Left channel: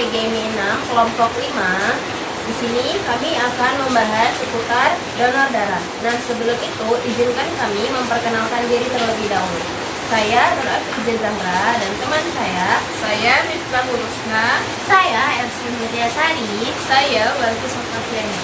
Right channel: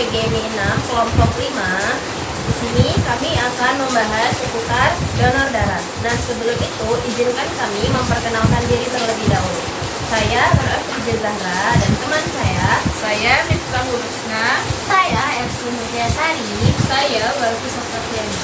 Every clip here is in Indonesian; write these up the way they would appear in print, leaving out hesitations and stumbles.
PGMI 6 kelompok 5. Di sini kami akan membahas seputar donor darah. Nah, sebelum itu izinkan kami memperkenalkan diri terlebih dahulu. Saya Nur Afiqah Zahra dan teman saya Miftah Hurusna. saya Elsun Mulyasari. Saya Walfi Sofiani.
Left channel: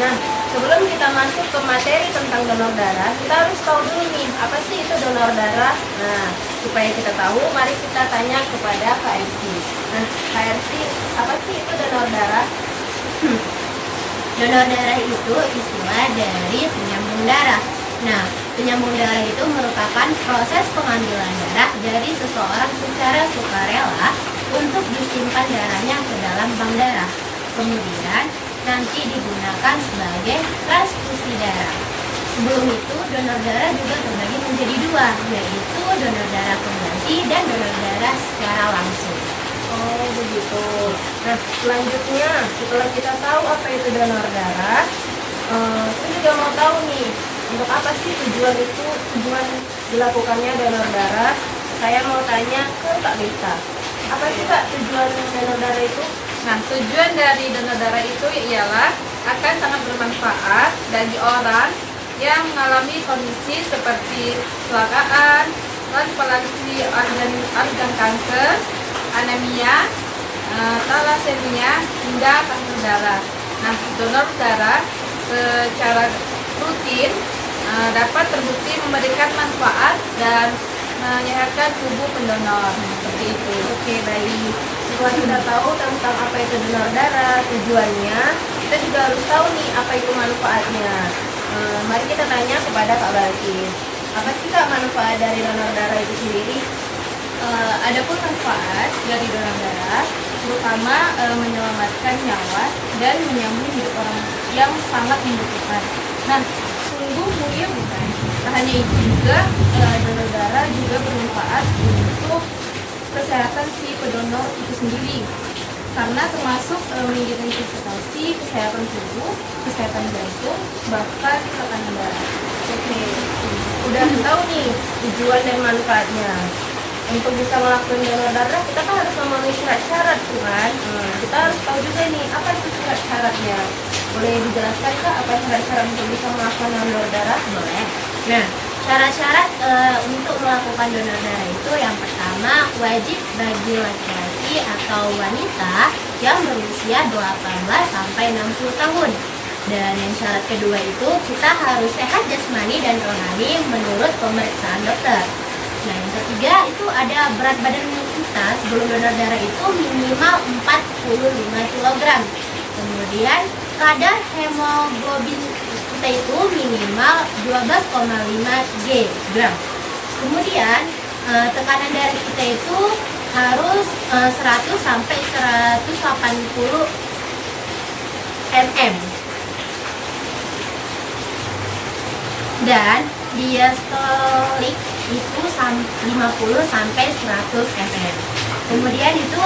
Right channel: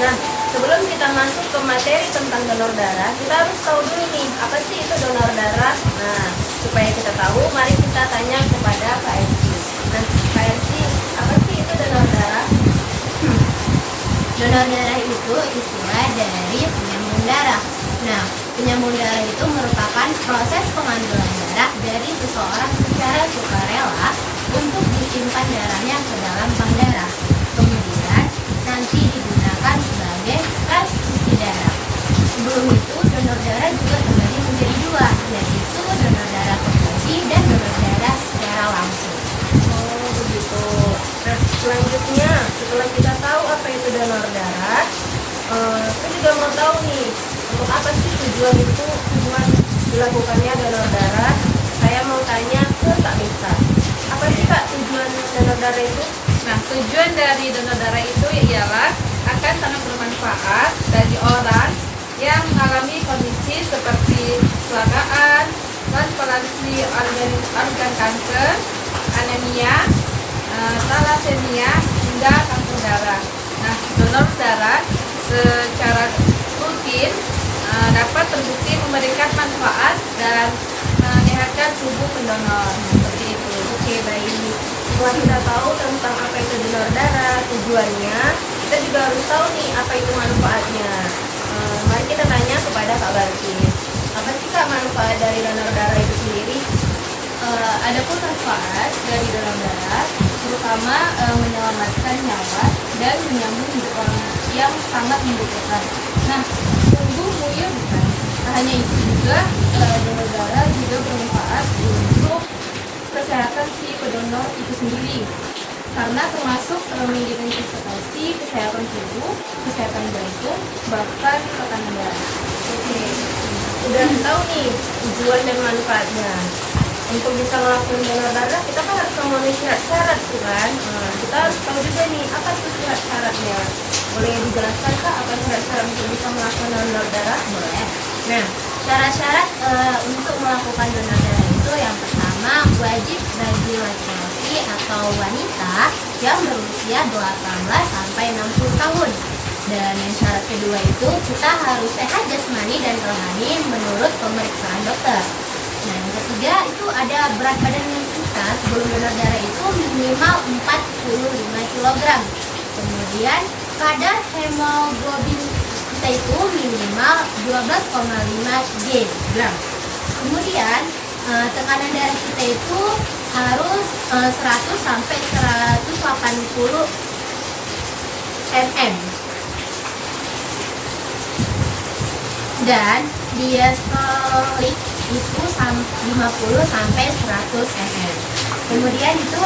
Nah, sebelum kita masuk ke materi tentang donor darah, kita harus tahu dulu nih, apa sih itu donor darah? Nah, supaya kita tahu, mari kita tanya kepada Kak Elsi. Nah, Kak Elsi, apa sih itu donor darah? Donor darah itu istilah dari penyambung darah. Nah, penyambung darah itu merupakan proses pengambilan darah dari seseorang secara sukarela untuk disimpan darahnya ke dalam bank darah. Kemudian nanti digunakan sebagai transfusi darah. Sebelum itu, donor darah juga terbagi menjadi dua, yaitu donor darah pengganti dan donor darah secara langsung. Oh, begitu. Nah, selanjutnya, setelah kita tahu apa itu donor darah, kita juga mau tahu nih, untuk apa sih tujuan dilakukannya donor darah? Saya mau tanya ke Kak Mita. Apa sih Kak tujuan donor darah itu? Nah, tujuan dari donor darah itu ialah akan sangat bermanfaat bagi orang yang mengalami kondisi seperti kecelakaan, transplantasi organ kanker, anemia, thalassemia, hingga kanker darah. Nah, donor darah secara rutin dapat terbukti memberikan manfaat dan menyehatkan tubuh pendonor. Seperti itu. Oke, baik. Setelah kita tahu tentang apa itu donor darah, tujuannya, kita juga harus tahu nih apa itu manfaatnya. Mari kita tanya kepada Kak Balkis. Apa sih Kak manfaat dari donor darah itu sendiri? Adapun manfaat dari donor darah terutama menyelamatkan nyawa dan menyambung hidup orang yang sangat membutuhkan. Nah, sungguh mulia bukan? Tak hanya itu juga, donor darah juga bermanfaat untuk kesehatan si pendonor itu sendiri, karena termasuk mengidentifikasi kesehatan tubuh, kesehatan jantung, bahkan tekanan darah. Oke, udah tahu nih tujuan dan manfaatnya. Untuk bisa melakukan donor darah, kita kan harus memenuhi syarat-syarat, kan? Kita harus tahu juga nih, apa itu syarat-syaratnya. Boleh dijelaskan Kak, apa syarat-syarat untuk bisa melakukan donor darah? Boleh. Nah, syarat-syarat untuk melakukan donor darah itu yang pertama wajib bagi laki-laki atau wanita yang berusia 18 sampai 60 tahun. Dan yang syarat kedua itu kita harus sehat jasmani dan rohani menurut pemeriksaan dokter. Nah, yang ketiga itu ada berat badan kita sebelum donor darah itu minimal 45 kg. Kemudian kadar hemoglobin kita itu minimal 12,5 g. Kemudian tekanan darah kita itu harus 100 sampai 180 mm. Dan diastolik itu 50 sampai 100 mm. Kemudian itu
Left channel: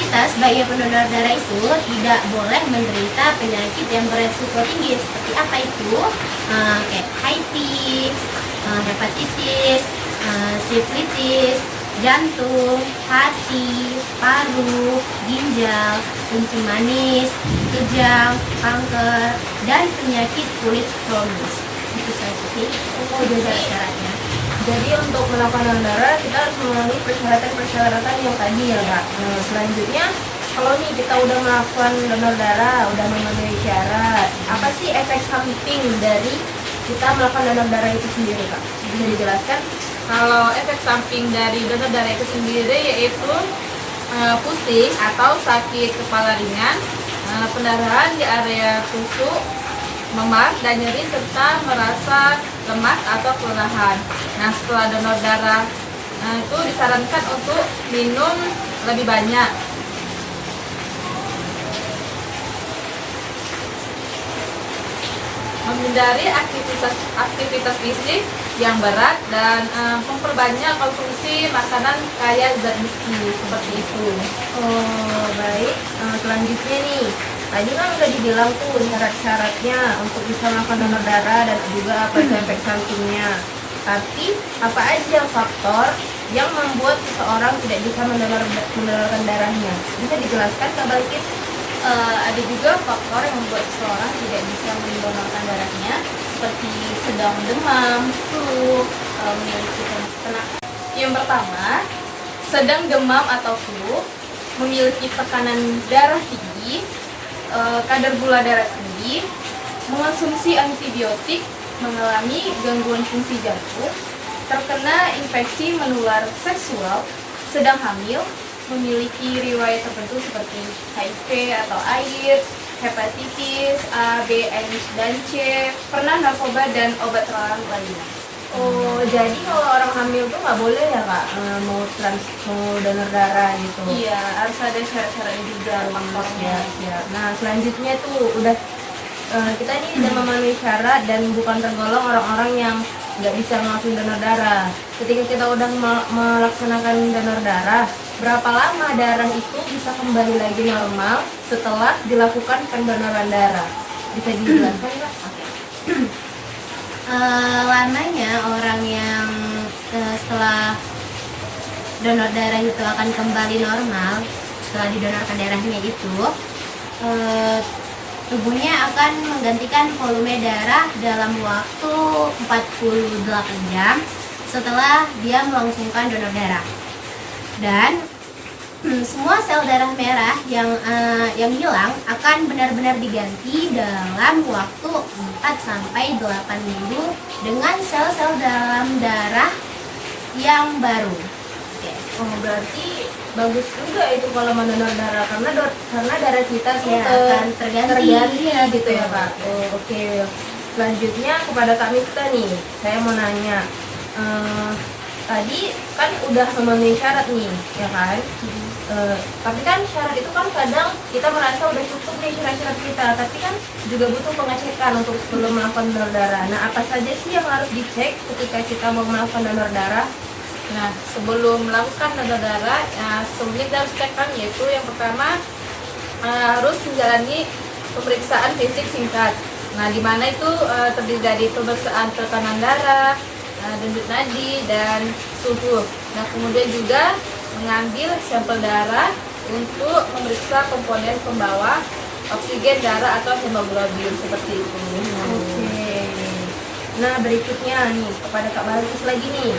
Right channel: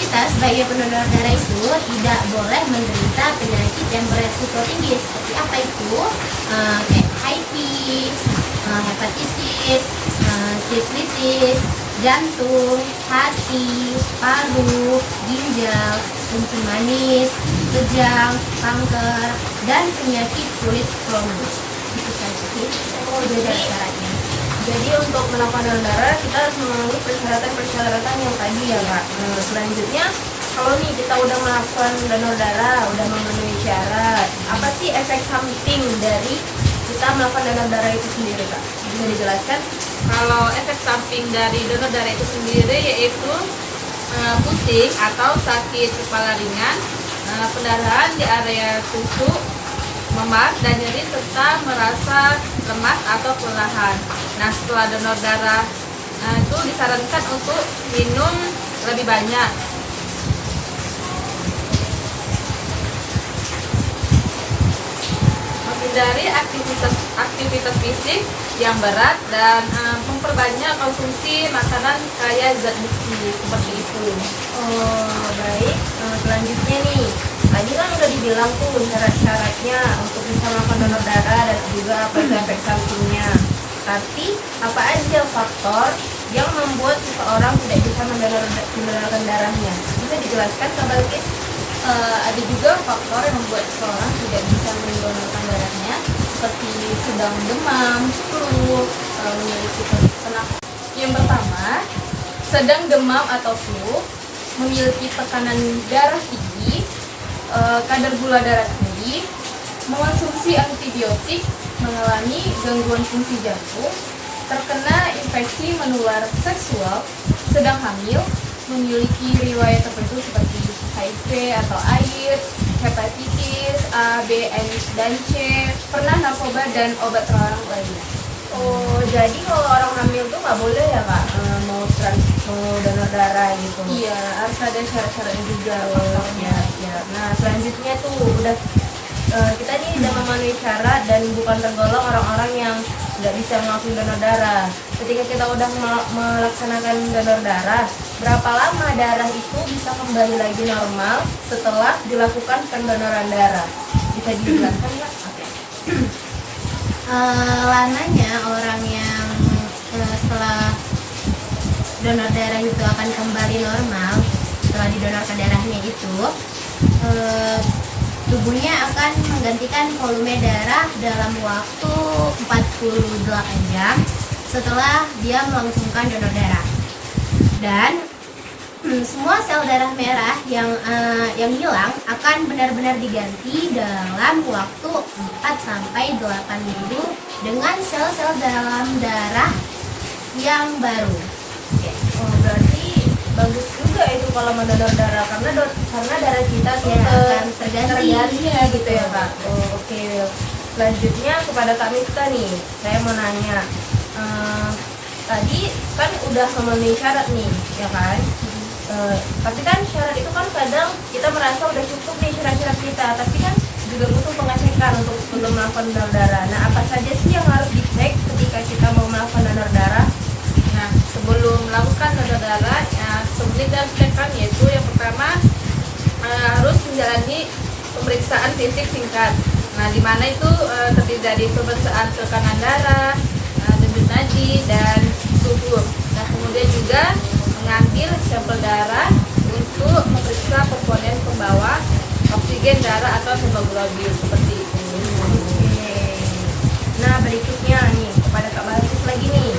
kita sebagai pendonor darah itu tidak boleh menderita penyakit yang beresiko tinggi seperti apa itu? Kayak HIV, hepatitis, sifilitis, jantung, hati, paru, ginjal, kencing manis, kejang, kanker, dan penyakit kulit kronis. Itu saja sih. Oh, jadi syarat-syaratnya. Jadi untuk melakukan donor darah kita harus memenuhi persyaratan-persyaratan yang tadi ya Kak. Selanjutnya kalau nih kita udah melakukan donor darah, udah memenuhi syarat, apa sih efek samping dari kita melakukan donor darah itu sendiri Kak? Bisa dijelaskan? Kalau efek samping dari donor darah itu sendiri yaitu pusing atau sakit kepala ringan, pendarahan di area tusuk, memar dan nyeri serta merasa lemas atau kelelahan. Nah, setelah donor darah itu disarankan untuk minum lebih banyak. Menghindari aktivitas fisik yang berat dan memperbanyak konsumsi makanan kaya zat besi seperti itu. Oh, baik. Selanjutnya nih, tadi kan udah dibilang tuh syarat-syaratnya untuk bisa melakukan donor darah dan juga apa itu efek sampingnya. Tapi apa aja faktor yang membuat seseorang tidak bisa mendonorkan darahnya? Bisa dijelaskan Kak Balkis? Ada juga faktor yang membuat seseorang tidak bisa mendonorkan darahnya, seperti sedang demam, flu, memiliki penyakit. Yang pertama, sedang demam atau flu, memiliki tekanan darah tinggi, kadar gula darah tinggi, mengonsumsi antibiotik, mengalami gangguan fungsi jantung, terkena infeksi menular seksual, sedang hamil, memiliki riwayat tertentu seperti HIV atau AIDS, hepatitis A, B, dan C, pernah narkoba dan obat terlarang lainnya. Oh, jadi kalau orang hamil tuh nggak boleh ya Kak, mau donor darah gitu? Iya, harus ada syarat-syaratnya juga. Ya, ya. Nah, selanjutnya tuh udah kita nih udah memenuhi syarat dan bukan tergolong orang-orang yang nggak bisa melakukan donor darah. Ketika kita udah melaksanakan donor darah, berapa lama darah itu bisa kembali lagi normal setelah dilakukan pendonoran darah? Bisa dijelaskan nggak? Oke. Lamanya orang yang setelah donor darah itu akan kembali normal setelah didonorkan darahnya itu, tubuhnya akan menggantikan volume darah dalam waktu 48 jam setelah dia melangsungkan donor darah. Dan semua sel darah merah yang hilang akan benar-benar diganti dalam waktu 4 sampai 8 minggu dengan sel-sel dalam darah yang baru. Oke. Oh, berarti bagus juga itu kalau mendonor darah karena darah kita tuh Ya, akan terganti ya gitu ya Kak. Oh, oke. Selanjutnya kepada Kak Mifta nih, saya mau nanya. Tadi kan udah memenuhi syarat nih, ya kan? Tapi kan syarat itu kan kadang kita merasa udah cukup nih syarat-syarat kita, tapi kan juga butuh pengecekan untuk sebelum melakukan donor darah. Nah, apa saja sih yang harus dicek ketika kita mau melakukan donor darah? Nah, sebelum melakukan donor darah, sebelumnya kita harus cekkan, yaitu yang pertama harus menjalani pemeriksaan fisik singkat. Nah, di mana itu terdiri dari pemeriksaan tekanan darah, denyut nadi, dan suhu. Nah, kemudian juga mengambil sampel darah untuk memeriksa komponen pembawa oksigen darah atau hemoglobin seperti itu. Oke. Nah, berikutnya nih kepada Kak Balkis lagi nih.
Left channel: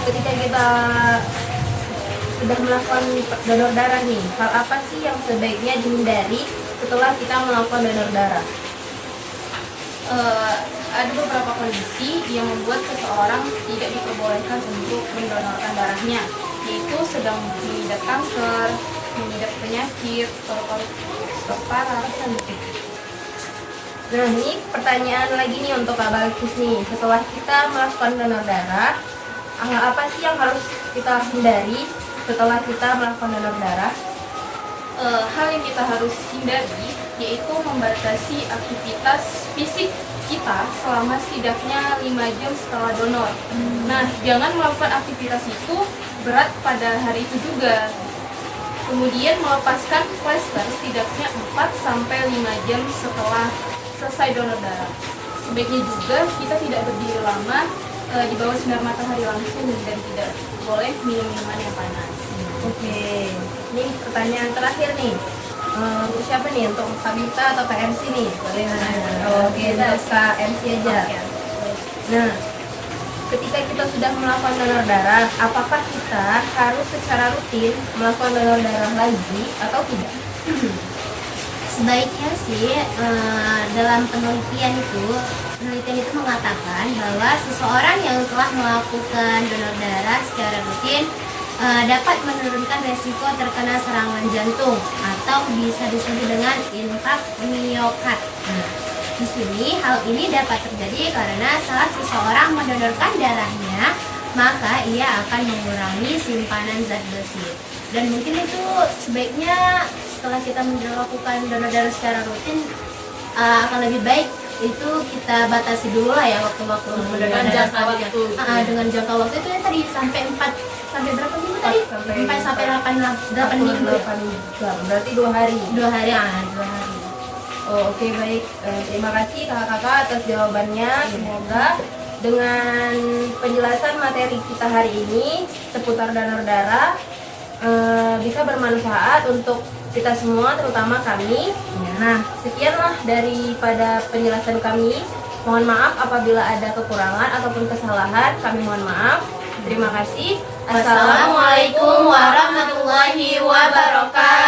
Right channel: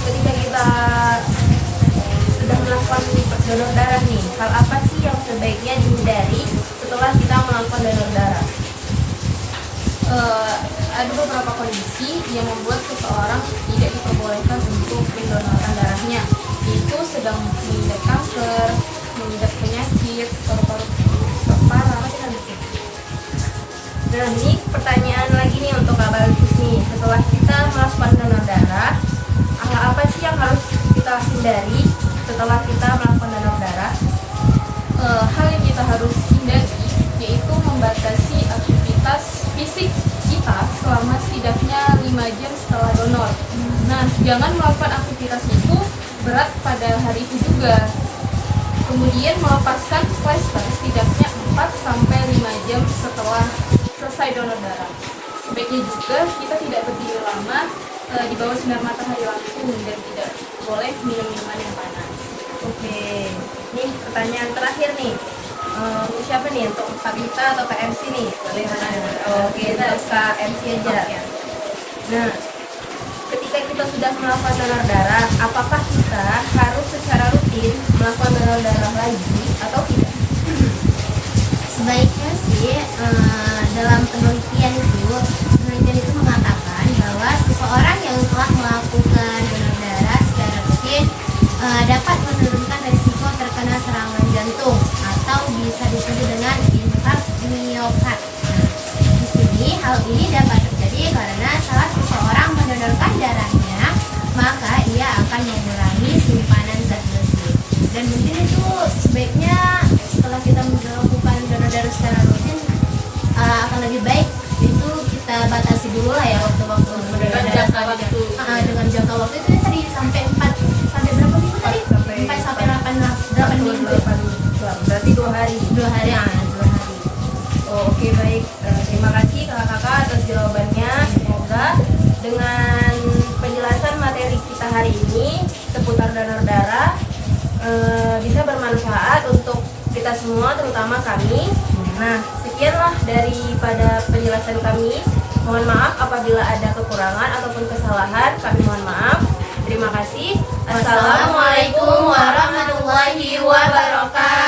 Ketika kita sudah melakukan donor darah nih, hal apa sih yang sebaiknya dihindari setelah kita melakukan donor darah? Ada beberapa kondisi yang membuat seseorang tidak diperbolehkan untuk mendonorkan darahnya, yaitu sedang mengidap kanker, mengidap penyakit, paru-paru parah, dan Nah, ini pertanyaan lagi nih untuk Kak Balkis nih. Setelah kita melakukan donor darah, hal apa sih yang harus kita hindari setelah kita melakukan donor darah? hal yang kita harus hindari yaitu membatasi aktivitas fisik kita selama setidaknya 5 jam setelah donor. Nah, jangan melakukan aktivitas itu berat pada hari itu juga. Kemudian melepaskan plaster setidaknya 4 sampai 5 jam setelah selesai donor darah. Sebaiknya juga kita tidak berdiri lama di bawah sinar matahari langsung dan tidak boleh minum minuman yang panas. Oke, ini pertanyaan terakhir nih. Untuk siapa nih? Untuk Kak Mifta atau Kak MC nih? Oke, untuk Kak MC aja. Nah, ketika kita sudah melakukan donor darah, apakah kita harus secara rutin melakukan donor darah lagi atau tidak? Sebaiknya sih dalam penelitian itu mengatakan bahwa seseorang yang telah melakukan donor darah secara rutin dapat menurunkan resiko terkena serangan jantung atau bisa disebut dengan infark miokard. Nah, di sini hal ini dapat terjadi karena saat seseorang mendonorkan darahnya, maka ia akan mengurangi simpanan zat besi. Dan mungkin itu sebaiknya setelah kita melakukan donor darah secara rutin akan lebih baik itu kita batasi dulu lah ya waktu-waktu untuk mendonor darah selanjutnya. Dengan jangka waktu itu ya tadi sampai 4 sampai berapa minggu tadi? 4 sampai 8 minggu. 8 jam. Berarti 2 hari. 2 hari. 2 hari. Oh, oke, baik. Terima kasih kakak-kakak atas jawabannya. Semoga dengan penjelasan penjelasan materi kita hari ini seputar donor darah bisa bermanfaat untuk kita semua, terutama kami. Nah, sekianlah daripada penjelasan kami. Mohon maaf apabila ada kekurangan ataupun kesalahan, kami mohon maaf. Terima kasih. Assalamualaikum warahmatullahi wabarakatuh.